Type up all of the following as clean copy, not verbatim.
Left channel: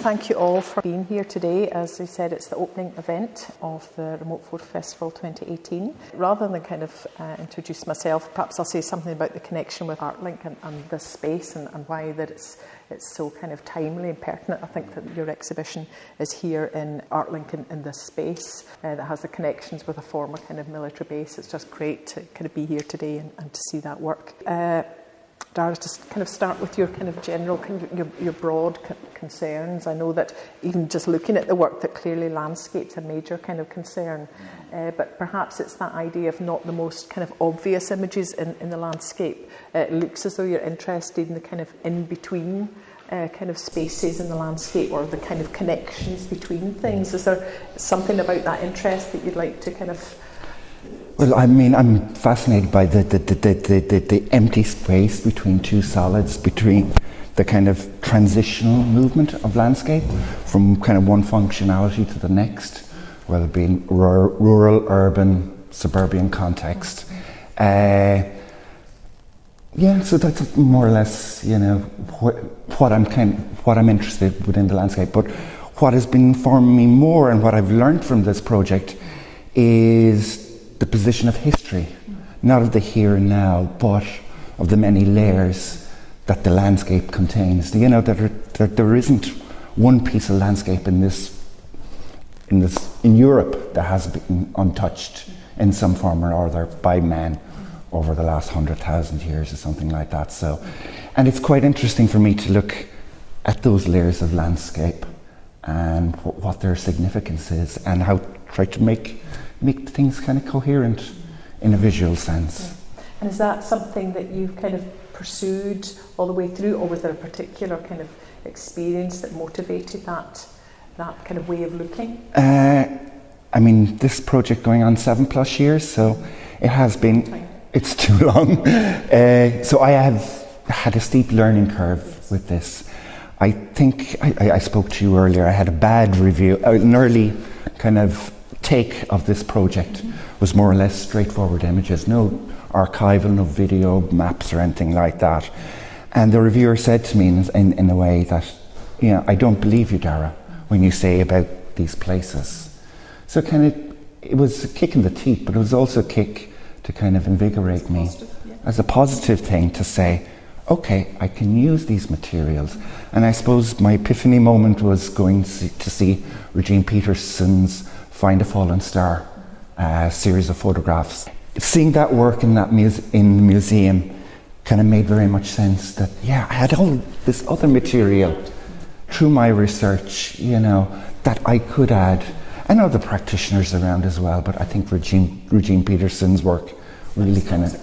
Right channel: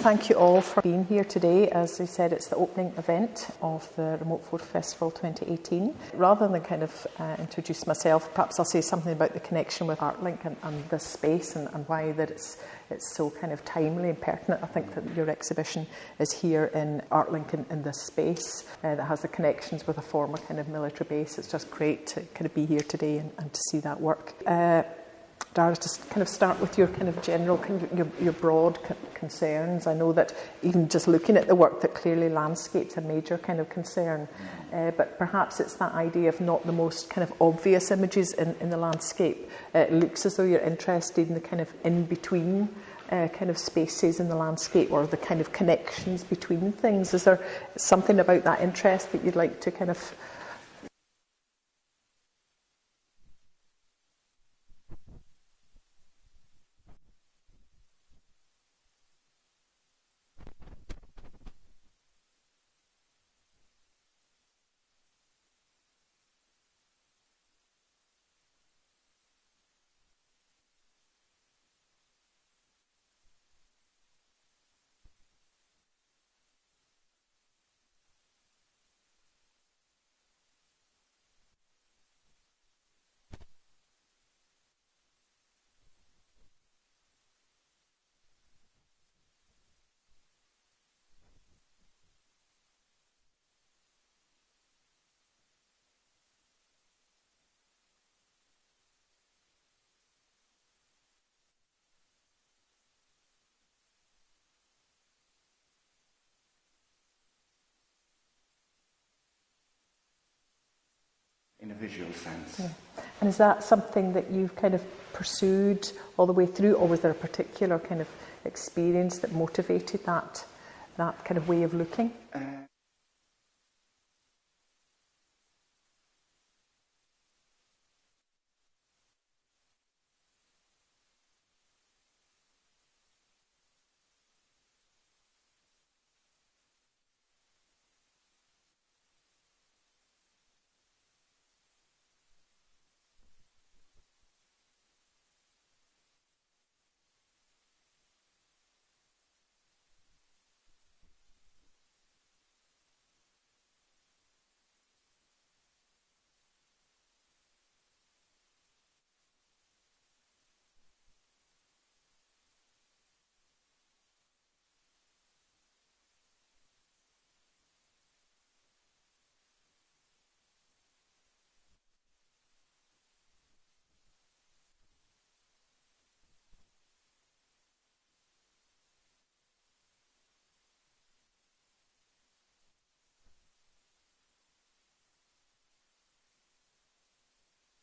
Thank you all for being here today. As I said, it's the opening event of the Remote Photo Festival 2018. Rather than kind of introduce myself, perhaps I'll say something about the connection with Artlink and this space and why that it's so kind of timely and pertinent. I think that your exhibition is here in Artlink in this space that has the connections with a former kind of military base. It's just great to kind of be here today and to see that work. Dara, just kind of start with your kind of general, kind of your broad concerns. I know that even just looking at the work, that clearly landscape's a major kind of concern, but perhaps it's that idea of not the most kind of obvious images in the landscape. It looks as though you're interested in the kind of in-between kind of spaces in the landscape, or the kind of connections between things. Is there something about that interest that you'd like to kind of... Well, I mean, I'm fascinated by the empty space between two solids, between the kind of transitional movement of landscape from kind of one functionality to the next, whether it be in rural, urban, suburban context. Yeah, so that's more or less, you know, what I'm interested within the landscape. But what has been informing me more, and what I've learned from this project, is the position of history, not of the here and now, but of the many layers that the landscape contains. You know, that there isn't one piece of landscape in Europe that has been untouched in some form or other by man over the last 100,000 years or something like that. So, and it's quite interesting for me to look at those layers of landscape and what their significance is, and how try to make things kind of coherent in a visual sense. Yeah. And is that something that you've kind of pursued all the way through, or was there a particular kind of experience that motivated that kind of way of looking? I mean, this project going on 7+ years, so it has been, it's too long. So I have had a steep learning curve with this. I think, I spoke to you earlier, I had a bad review, an early kind of take of this project was more or less straightforward images, no archival, no video, maps or anything like that. And the reviewer said to me in a way that, you know, I don't believe you, Dara, when you say about these places. So kind of, it was a kick in the teeth, but it was also a kick to kind of invigorate me as a positive thing to say, okay, I can use these materials. And I suppose my epiphany moment was going to see Regine Peterson's Find a Fallen Star series of photographs. Seeing that work in that in the museum kind of made very much sense that, yeah, I had all this other material through my research, you know, that I could add. I know the practitioners around as well, but I think Regine Peterson's work really kind of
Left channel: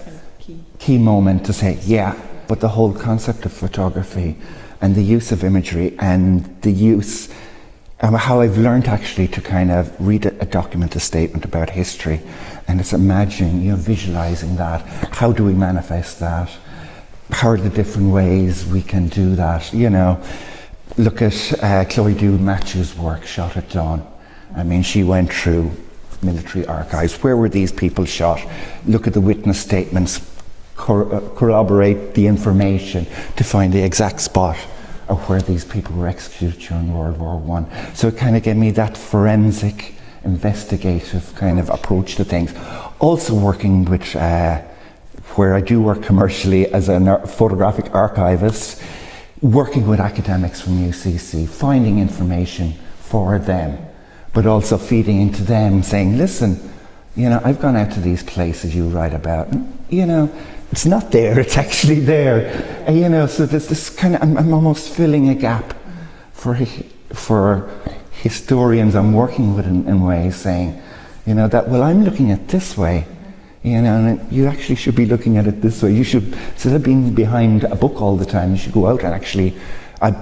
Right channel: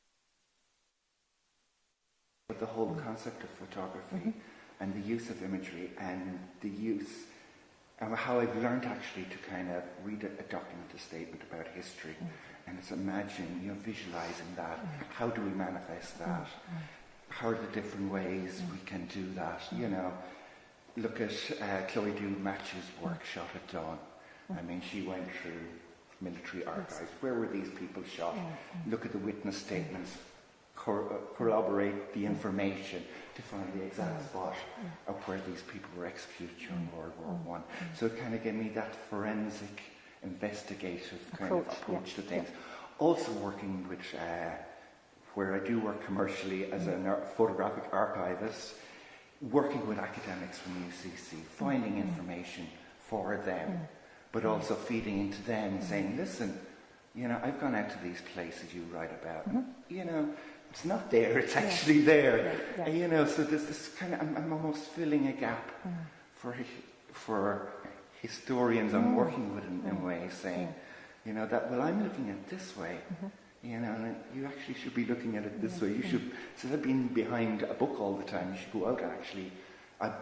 key moment to say, yeah, but the whole concept of photography and the use of imagery and the use, how I've learned actually to kind of read a document, a statement about history, and it's imagining, you know, visualizing that. How do we manifest that? How are the different ways we can do that? You know, look at Chloe Matthew's work, Shot at Dawn. I mean, she went through military archives. Where were these people shot? Look at the witness statements, corroborate the information to find the exact spot of where these people were executed during World War I. So it kind of gave me that forensic, investigative kind of approach to things. Also working with, where I do work commercially as a photographic archivist, working with academics from UCC, finding information for them, but also feeding into them, saying, listen, you know, I've gone out to these places you write about, and, you know, it's not there, it's actually there. And, you know, so there's this kind of, I'm almost filling a gap for historians I'm working with in ways, saying, you know, that, well, I'm looking at this way, you know, and you actually should be looking at it this way. You should, instead of being behind a book all the time, you should go out and actually,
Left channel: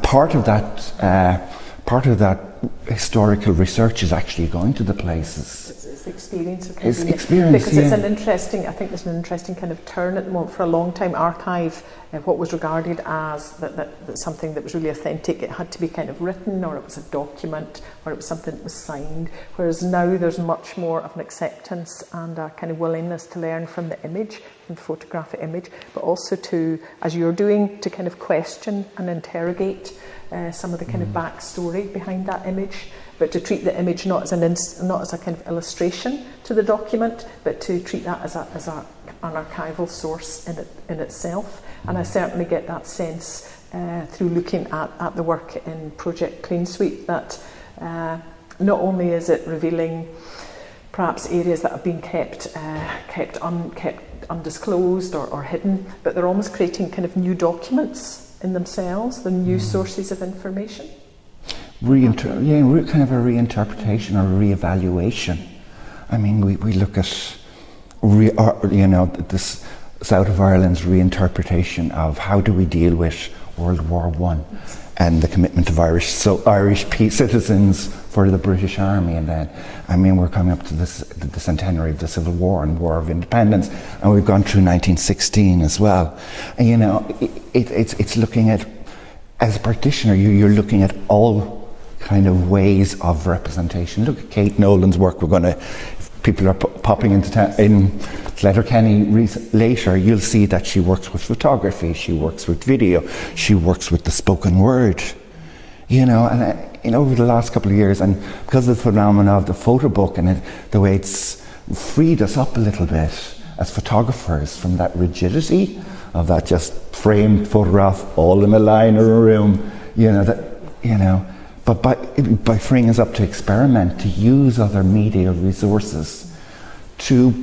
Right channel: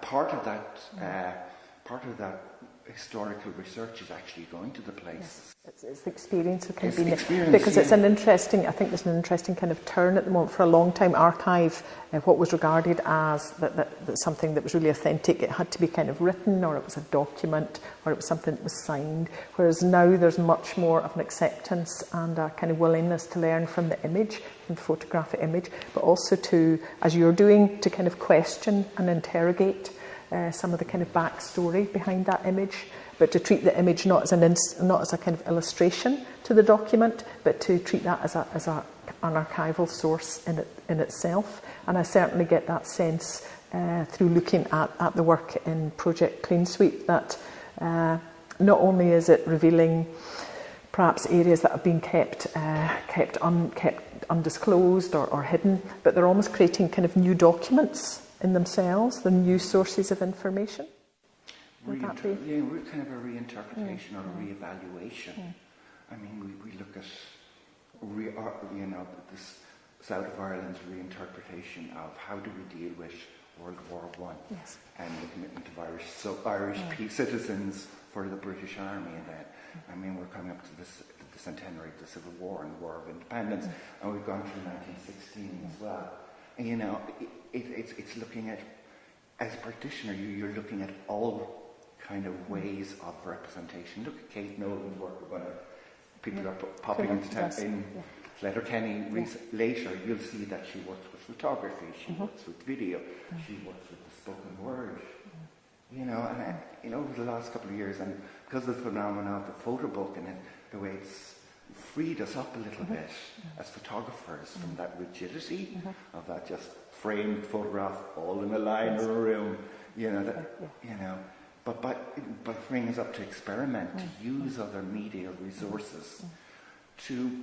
part of that historical research is actually going to the places. It's the experience of kind it's of experience, because yeah. it's an interesting, I think there's an interesting kind of turn at the moment. For a long time, archive, what was regarded as that something that was really authentic, it had to be kind of written, or it was a document, or it was something that was signed, whereas now there's much more of an acceptance and a kind of willingness to learn from the image, from the photographic image, but also to, as you're doing, to kind of question and interrogate some of the kind of backstory behind that image, but to treat the image not as a kind of illustration to the document, but to treat that as an archival source in itself. And I certainly get that sense through looking at the work in Project Cleansweep that not only is it revealing perhaps areas that have been kept undisclosed or hidden, but they're almost creating kind of new documents in themselves, they're new sources of information. Kind of a reinterpretation or re-evaluation. I mean, we look at this South of Ireland's reinterpretation of how do we deal with World War I and the commitment of Irish citizens for the British Army, and then, I mean, we're coming up to the centenary of the Civil War and War of Independence, and we've gone through 1916 as well. And it's looking at, as a practitioner, you're looking at all kind of ways of representation. Look at Kate Nolan's work. People are popping in Letterkenny later. You'll see that she works with photography, she works with video, she works with the spoken word. And over the last couple of years, and because of the phenomenon of the photo book and the way it's freed us up a little bit as photographers from that rigidity of that just framed photograph all in a line or a room, But by freeing us up to experiment, to use other media resources to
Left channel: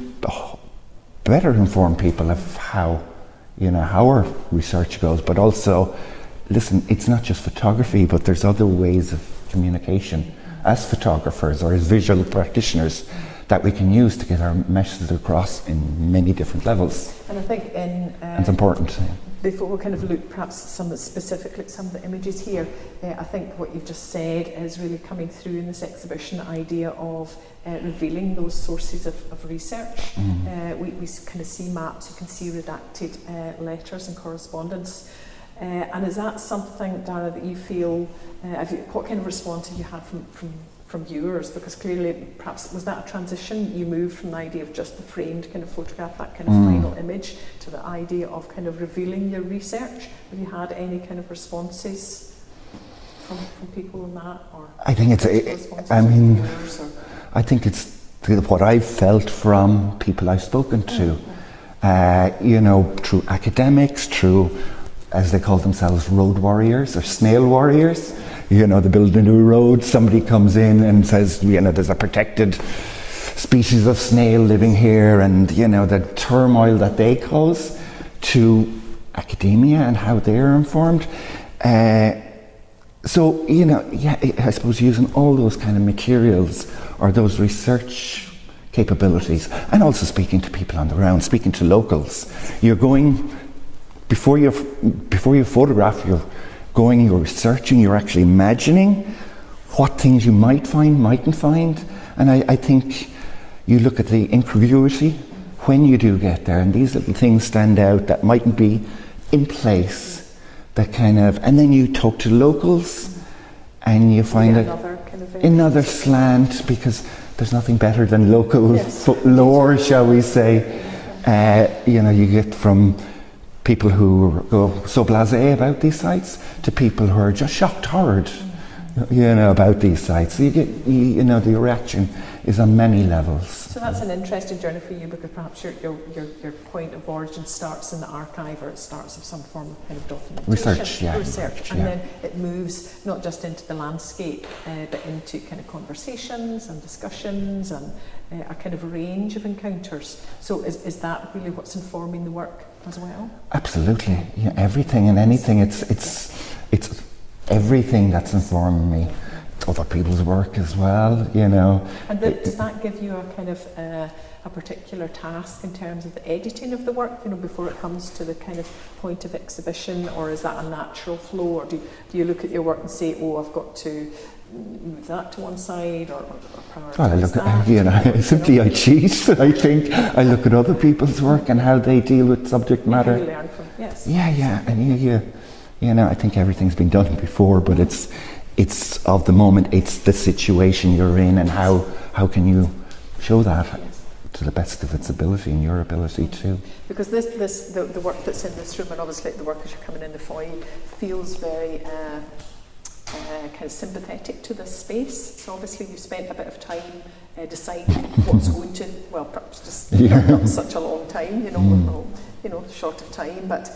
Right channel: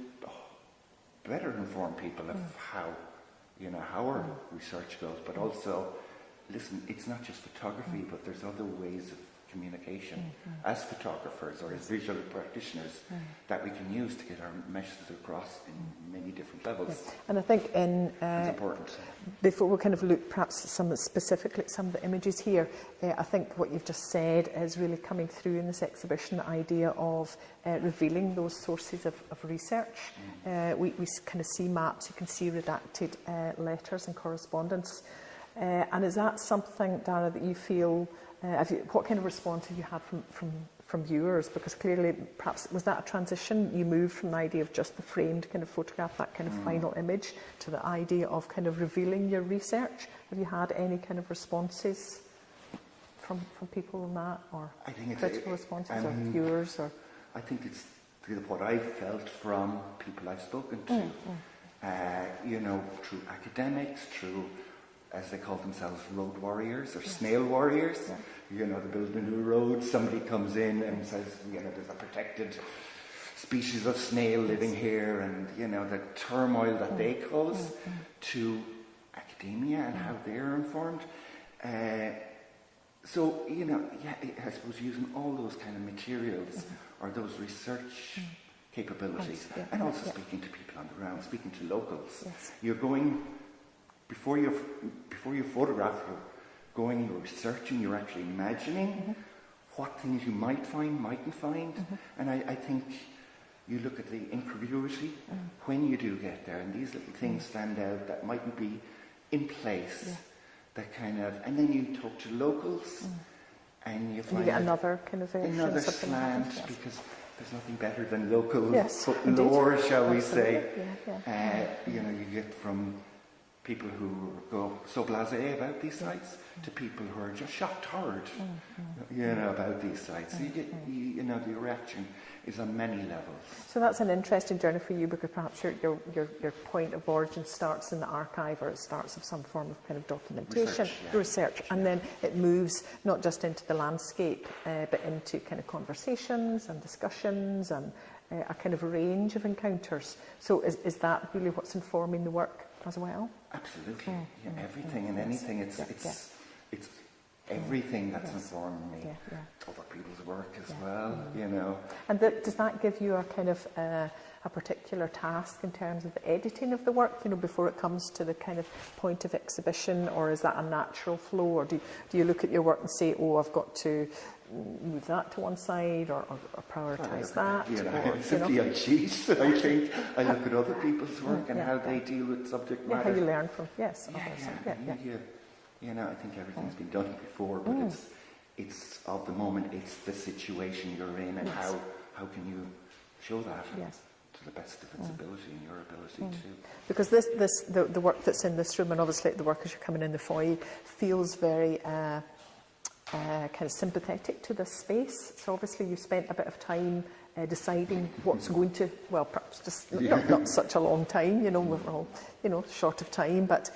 better inform people of how our research goes, but also, listen, it's not just photography, but there's other ways of communication as photographers or as visual practitioners that we can use to get our messages across in many different levels. And I think it's important. Before we kind of look perhaps specifically at some of the images here, I think what you've just said is really coming through in this exhibition, the idea of revealing those sources of research. We kind of see maps, you can see redacted letters and correspondence. And is that something, Dara, that you feel, what kind of response have you had from viewers? Because clearly, perhaps, was that a transition? You moved from the idea of just the framed kind of photograph, that kind of final image, to the idea of kind of revealing your research. Have you had any kind of responses from people on that, or I think it's viewers? Or? I think it's what I've felt from people I've spoken to. Through academics, through, as they call themselves, road warriors or snail warriors. They build a new road, somebody comes in and says, there's a protected species of snail living here, and, the turmoil that they cause to academia and how they're informed. I suppose using all those kind of materials or those research capabilities, and also speaking to people on the ground, speaking to locals. You're going, before you photograph, you're researching, you're actually imagining what things you might find, mightn't find. And I think you look at the incongruity when you do get there, and these little things stand out that mightn't be in place, that kind of, and then you talk to locals and you find another slant, because there's nothing better than local lore, shall we say. You get from people who go so blasé about these sites to people who are just shocked, horrid, about these sites. So you get, the reaction is on many levels. So that's an interesting journey for you, because perhaps your point of origin starts in the archive, or it starts with some form of kind of documentation, research, and then it moves not just into the landscape, but into kind of conversations and discussions and a kind of range of encounters. So is that really what's informing the work as well? Absolutely, everything and anything. It's everything that's informing me. Other people's work as well, And does that give you a kind of a particular task in terms of the editing of the work, before it comes to the kind of point of exhibition, or is that a natural flow, or do you look at your work and say, I've got to move that to one side, or prioritise that? Simply I cheat. I think I look at other people's work and how they deal with subject matter. How you learn from, and I think everything's been done before, but it's of the moment, it's the situation you're in, and how can you show that to the best of its ability and your ability too. Because the work that's in this room, and obviously the work as you're coming in the foyer, feels very kind of sympathetic to this space. So obviously you've spent a bit of time deciding what's going to, well, perhaps just not such a long time, we're all, short of time, but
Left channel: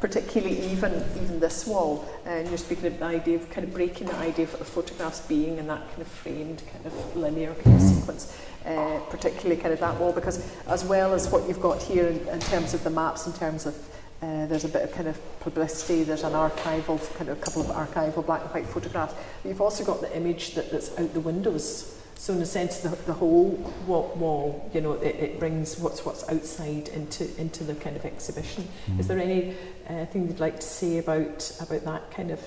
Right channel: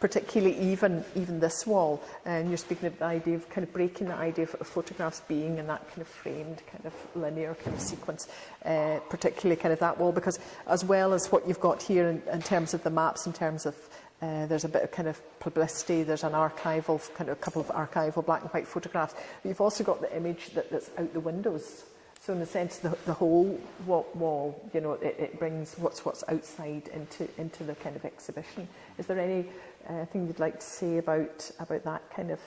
particularly even this wall, and you're speaking of the idea of kind of breaking the idea of photographs being in that kind of framed, kind of linear kind of sequence, particularly kind of that wall, because as well as what you've got here in terms of the maps, in terms of there's a bit of kind of publicity, there's an archival, kind of a couple of archival black and white photographs, but you've also got the image that's out the windows. So in a sense, the whole wall, it brings what's outside into the kind of exhibition. Is there any thing you'd like to say about that kind of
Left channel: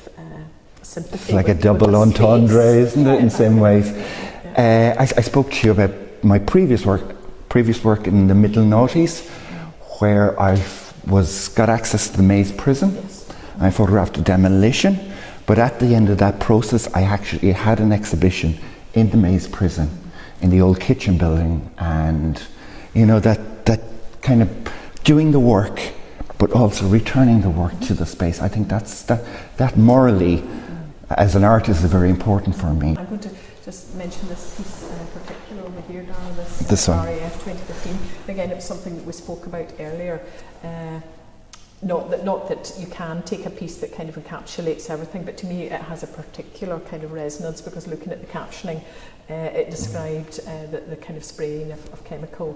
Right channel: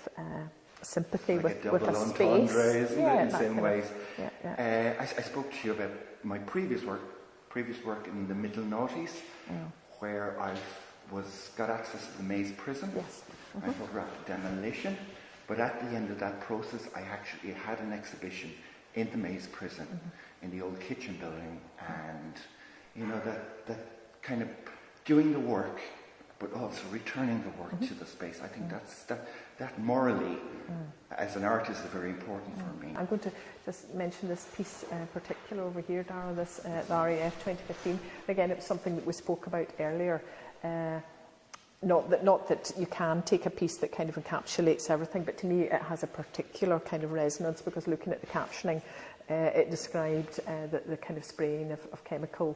sympathy? It's like a double entendre, isn't it, in some ways? Yeah. I spoke to you about my previous work in the middle noughties, where I got access to the Maze prison. Yes. I photographed the demolition, but at the end of that process, I actually had an exhibition in the Maze prison, in the old kitchen building, and that kind of doing the work, but also returning the work to the space. I think that morally, as an artist, is very important for me. I'm going to just mention this piece particular over here, Dara, this RAF 2015. Again, it was something that we spoke about earlier. Not that you can take a piece that kind of encapsulates everything, but to me it has a particular kind of resonance, because looking at the captioning, it described the kind of spraying of chemical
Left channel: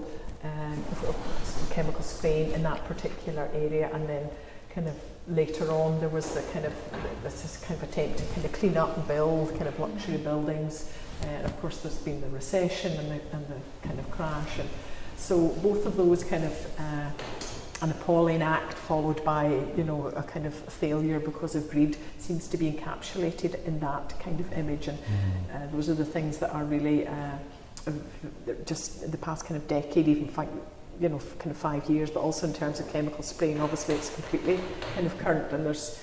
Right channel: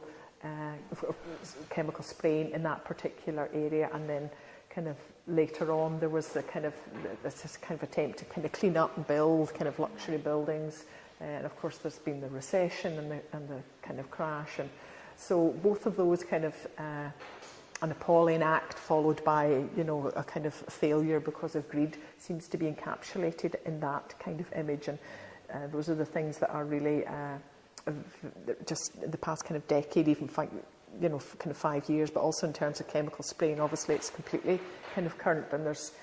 spraying in that particular area, and then kind of later on there was this kind of attempt to kind of clean up and build kind of luxury buildings, and of course there's been the recession and the kind of crash, and so both of those kind of an appalling act followed by a kind of failure because of greed seems to be encapsulated in that kind of image, and those are the things that are really just in the past kind of decade, even kind of 5 years, but also in terms of chemical spraying, obviously it's completely kind of current, and there's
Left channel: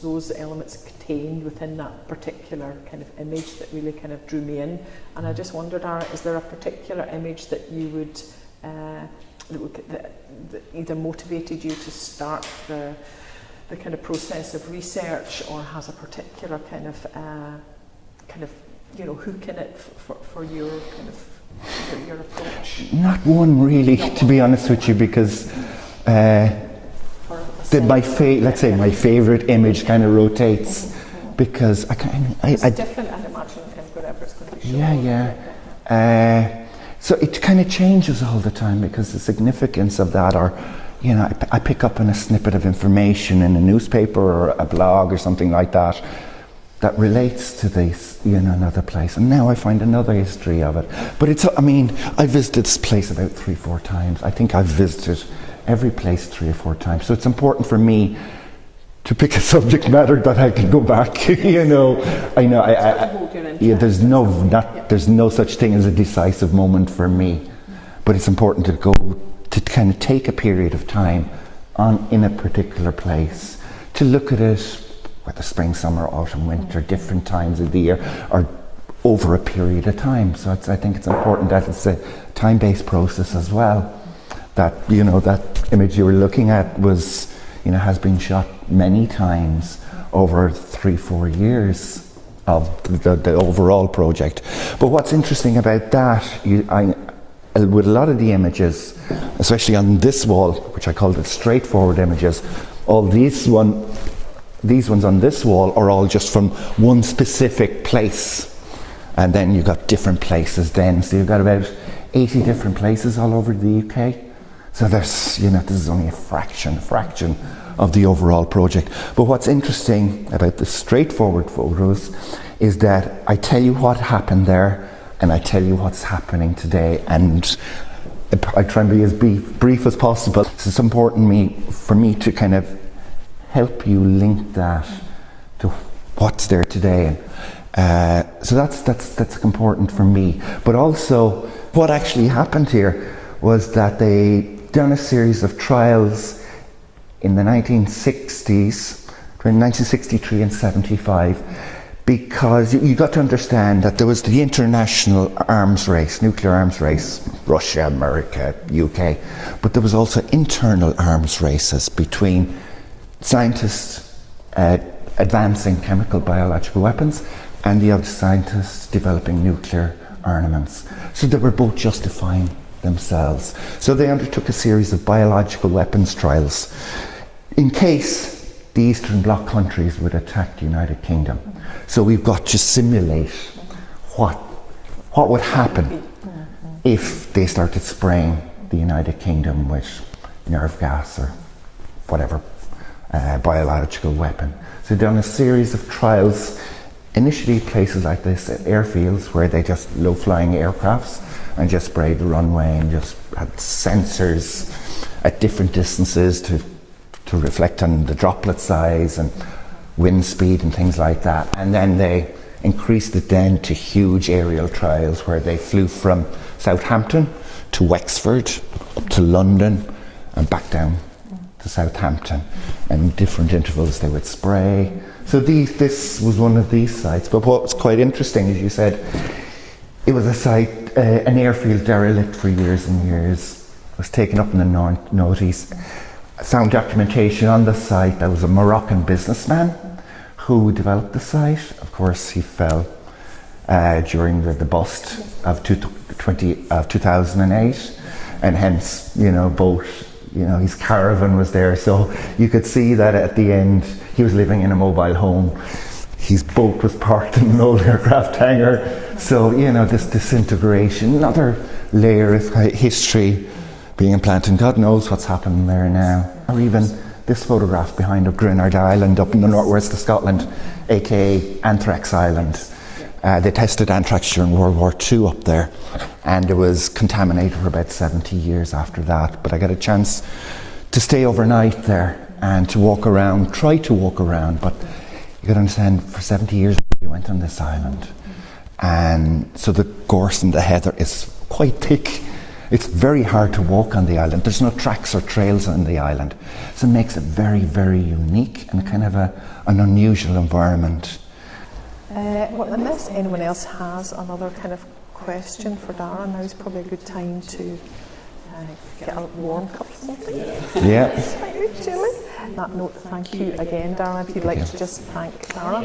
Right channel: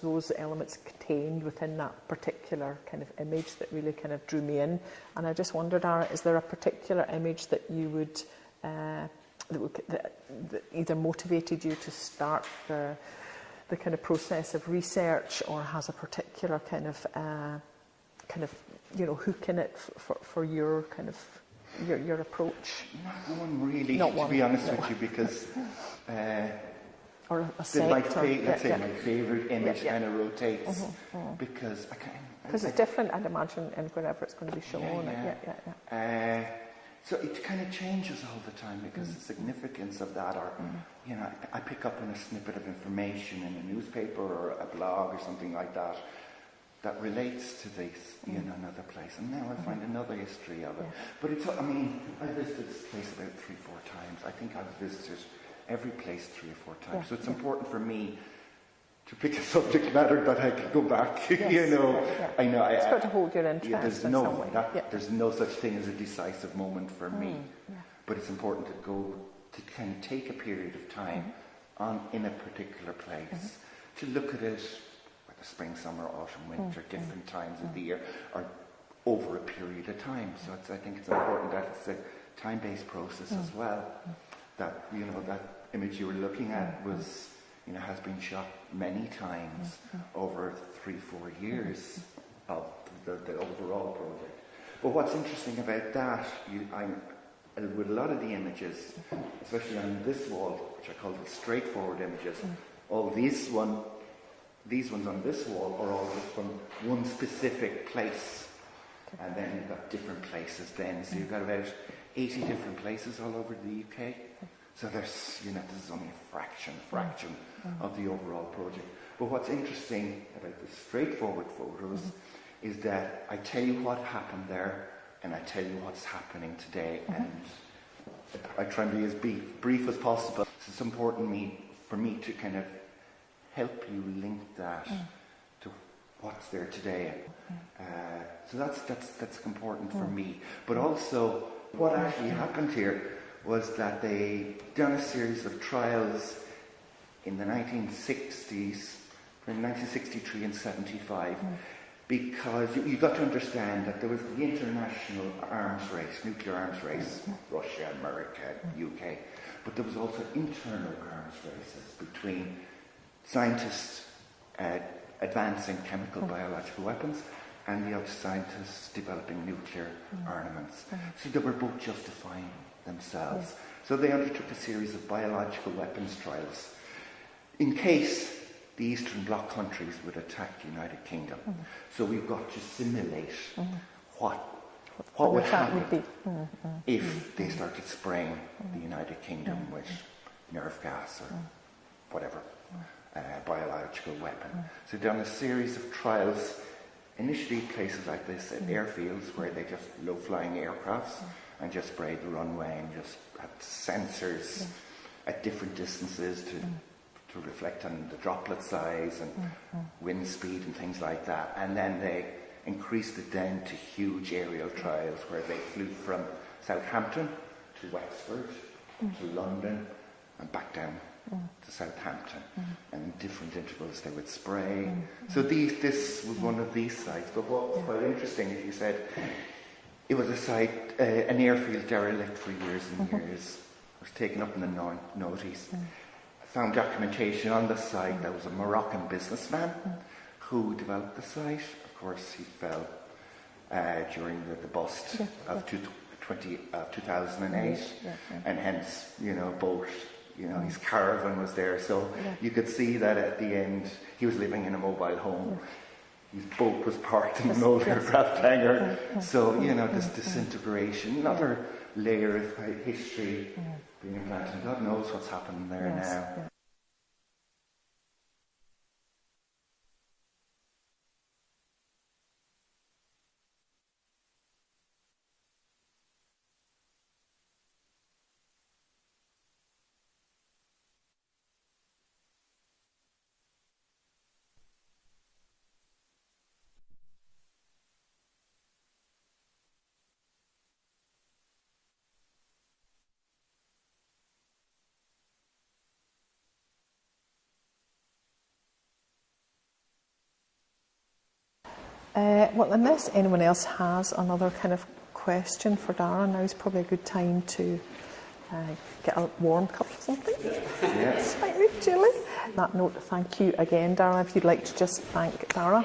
those elements contained within that particular kind of image that really kind of drew me in. And I just wondered, Dara, is there a particular image that you would that either motivated you to start the kind of process of research, or has a particular kind of hook in it for your kind of your approach? Not one really, to be honest with you, because my favourite image kind of rotates, because it's different, I'd imagine, wherever it's going to be shown. So it kind of changes all the time, because the significance of that, or I pick up on a snippet of information in a newspaper or a blog or something like that relates to this, another place, and now I find another history of it. But I visited this place about 3-4 times. I think I've visited every place 3 or 4 times. So it's important for me to pick a subject matter that I can go back. Yes. There's no such thing as a decisive moment for me, but it's important to kind of take a period of time in a particular place, to look at it, whether spring, summer, autumn, winter, different times of the year, or over a period of time. So I think it's important that it's a time-based process as well. That that image you were looking at was has been shot many times over 3-4 years of the overall project. But what's interesting about that, with a lot of the images, especially on this wall, which I called it straightforward images, all these ones on this wall are all just from one specific place, and then you've got different places then, so you've got about 80 different places all over the UK. So there's, this is only a fraction of the overall project. But what's interesting about the straightforward photos is that I tell you what happened there, and I tell you what's happening today, and I try and be as brief as possible. So it's important for me to kind of help you link that to what's there today. So that's important for me. But also, what actually happened here was that they done a series of trials in the 1960s, between 1963 and 75, because you got to understand that there was the international arms race, nuclear arms race, Russia, America, UK, but there was also internal arms races between scientists advancing chemical biological weapons, and you have the scientists developing nuclear armaments. So they were both justifying themselves. So they undertook a series of biological weapons trials in case the Eastern Bloc countries would attack the United Kingdom. So we've got to simulate what would happen if they started spraying the United Kingdom with nerve gas or whatever biological weapon. So they've done a series of trials, initially places like this, at airfields where they just low-flying aircrafts and just sprayed the runway and just had sensors at different distances to reflect on the droplet size and wind speed and things like that. And then they increased it then to huge aerial trials where they flew from Southampton to Wexford, up to London and back down to Southampton. And different intervals they would spray. So this was one of these sites. But what was quite interesting, as you said, it was a site, an airfield derelict for years and years. It was taken up in the noughties. I found documentation on the site. There was a Moroccan businessman who developed the site. Of course, he fell during the bust of 2008, and hence, his caravan was there. So you could see that at the end, he was living in a mobile home. His boat was parked in an old aircraft hangar. So, this disintegration, another layer of history being implanted. God knows what's happening there now. Or even this photograph behind of Grenard Island up in the northwest of Scotland, aka Anthrax Island. They tested anthrax during World War II up there, and it was contaminated for about 70 years after that. But I got a chance to stay overnight there and to walk around, try to walk around, but you got to understand, for 70 years we went on this island. And so the gorse and the heather is quite thick. It's very hard to walk on the island. There's no tracks or trails on the island. So it makes it very, very unique and kind of an unusual environment. Well, unless anyone else has another kind of question for Dara, now is probably a good time to get a warm cup of something. Yeah. Slightly chilly. On that note, thank you again, Dara. If you'd like to just thank Dara.